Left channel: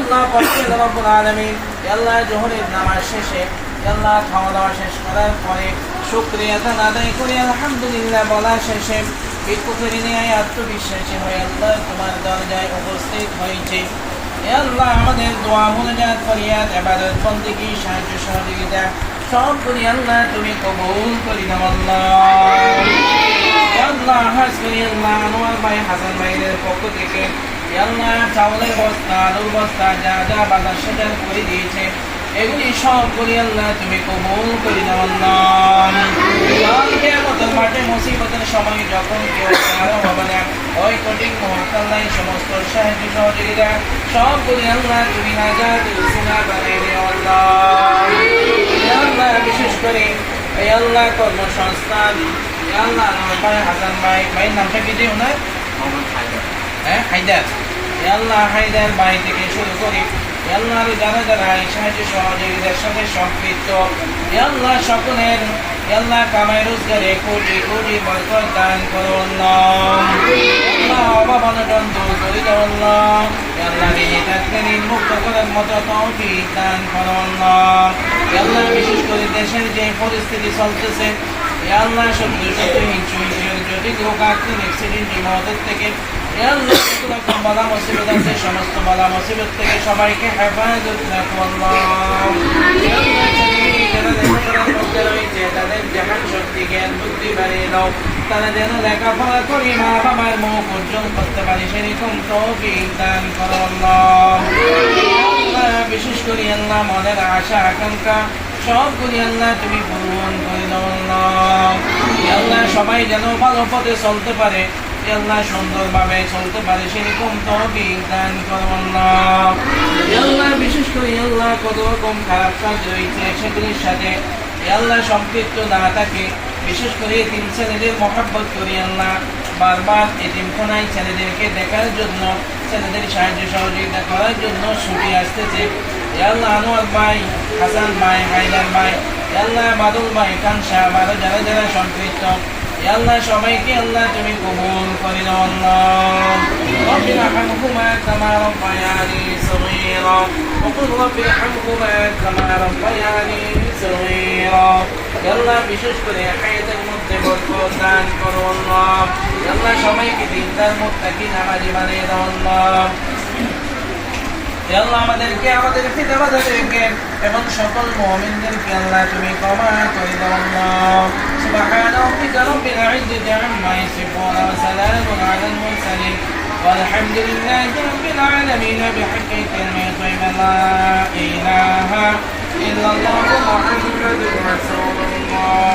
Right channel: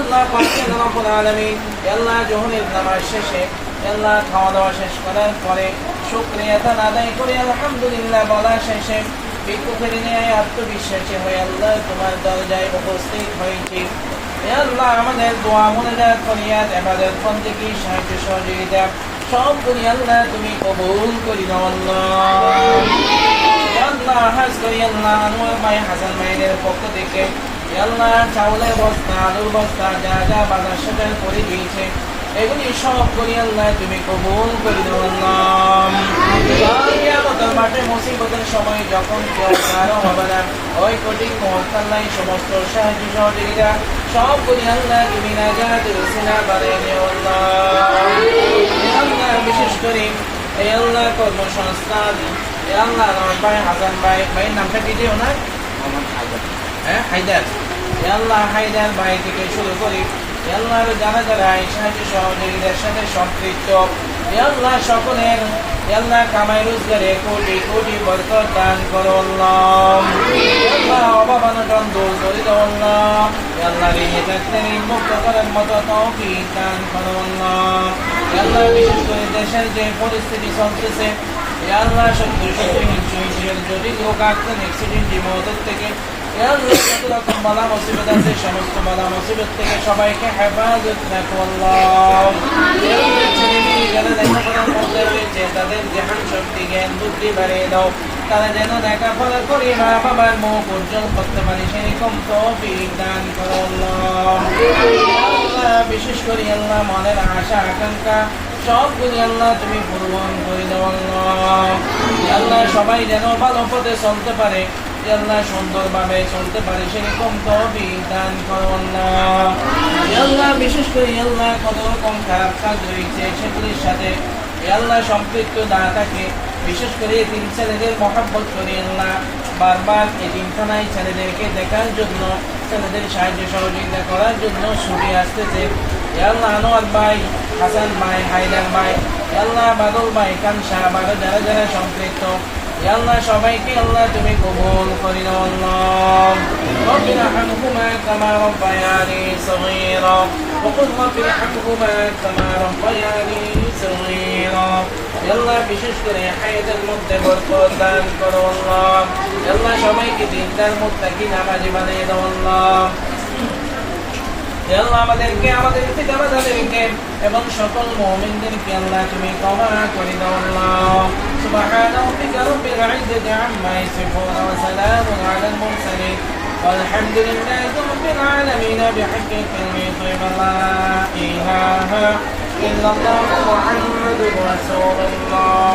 আল্লাহ পাকের রব্বুল আলামিন আল্লাহ জোহরের নামাজ শেষে আল্লাহ খাওয়া দাওয়া শেষ করার পরে শুকরিয়া আদায় করি আলহামদুলিল্লাহ বলা শেষে ভিক্ষুকের নিয়ে আত্মবিশ্বাসী হয়ে আল্লাহ তোমার দরজায় উপস্থিত হয়েছে। আল্লাহ আমাদের দোয়া মুনাজাত ফরিয়াদ ইবাদত বন্দেগী সাহায্য সহযোগিতা সবগুলি আল্লাহ তুমি কবুল করে নাও আল্লাহ। আল্লাহ হাজ করি আল্লাহ আনোয়ার ভাই হাসান ভাইদের পক্ষ থেকে আল্লাহ চাউলের বস্তা আলুর বস্তা যা যা বাজার সদাই করে দিয়েছে এগুলি সবগুলি আল্লাহ তুমি কবুল করে নাও আল্লাহ। কিয়ামতের মাঠে মুসিবতের সময় যখন কেউ কারো হবে না ওই কঠিন মুহূর্তে আল্লাহ সমস্ত সাহায্য সহযোগিতা সবগুলি আল্লাহ তুমি নাজাতের উসিলা বানিয়ে দিও আল্লাহ। আল্লাহ বিশেষ করে এই আল্লাহ কর্মসংস্থান এই আল্লাহ আমার ভাই হাসান ভাইয়ের নামটা কি যে ওনার হায়দার আল্লাহ হায়দার ভাই থেকে শুরু করি আল্লাহ যারা যারা এই সাহায্য সহযোগিতার সাথে সম্পৃক্ত আল্লাহ সকলের আল্লাহ কামাই রোজগারে কোটি কোটি বরকত দান করো আল্লাহ। অভাব অনটন দূর করে দাও আল্লাহ। আল্লাহ মুক্ত করার মতো তৌফিক দান করো আল্লাহ। আল্লাহ বিশেষ করে দেশের যে পরিস্থিতি চলতেছে আল্লাহ সত্যি সত্যি হিংসের জটিল রোগ অ্যাক্সিডেন্ট বিমত থেকে যত রকম বাধা মুসিবত আছে সমস্ত বাধা মুসিবত থেকে সবাইকে হেফাজত রাখো আল্লাহ। যারা লেখাপড়ার মধ্যে রয়েছে তাদের জ্ঞান শক্তি জ্ঞান বুদ্ধি বাড়িয়ে দাও তারা যেন লেখাপড়া করে মা বাবার মুখ উজ্জ্বল করতে পারে সেরকম তৌফিক দান করো আল্লাহ। বিশেষ করে আল্লাহ মনের আশা আকাঙ্ক্ষা সবগুলি আল্লাহ তুমি পূরণ করে দাও আল্লাহ। আল্লাহ সবাই যেন ভালো পথে চলতে পারে আল্লাহ সুন্দরভাবে চলতে পারে সেরকম তৌফিক দান করো আল্লাহ। আল্লাহ বিশেষ করে আল্লাহ কত রকম খারাপ কাজ রয়েছে সেগুলির সাথে আল্লাহ সম্পৃক্ত না থাকে বিশেষ করে এতিম ছেলেদের মহব্বত করি আল্লাহ বারবার এতিমখানায় ছেলেদেরকে দেখার জন্য ছেলেদের সাহায্য সহযোগিতা করার জন্য ছুটে আসতেছে আল্লাহ আনোয়ার ভাই হাসান ভাই হায়দার ভাই আল্লাহ বাদল ভাই কানসা বারো যারা যারা সম্পৃক্ত আল্লাহ সবাইকে আল্লাহ তুমি কবুল করে নাও আল্লাহ। রব্বি রহমহুমা কামা রাব্বায়ানি সগীরা ওয়া রব্বি রহমহুমা কামা রাব্বায়ানি সগীরা। আল্লাহ বিশেষ করে হায়াতের মধ্যে বরকত দান করো আল্লাহ। আল্লাহ সবাইকে দিনদার মুত্তাকি নামাজি বানিয়ে দাও আল্লাহ। আল্লাহ আমাদেরকে আমাদের পিতামাতাদেরকে এবং সকল মুমিনদেরকে আল্লাহ তুমি ক্ষমা করে দাও আল্লাহ। সুবহান রাব্বিকা রাব্বিল ইজ্জাতি আম্মা ইয়াসিফুন ওয়া সালামুন আলাল মুরসালিন ওয়ালহামদুলিল্লাহি রাব্বিল আলামিন বিহাqqi কালিমাতি লা ইলাহা ইল্লাল্লাহু মুহাম্মাদুর রাসূলুল্লাহ।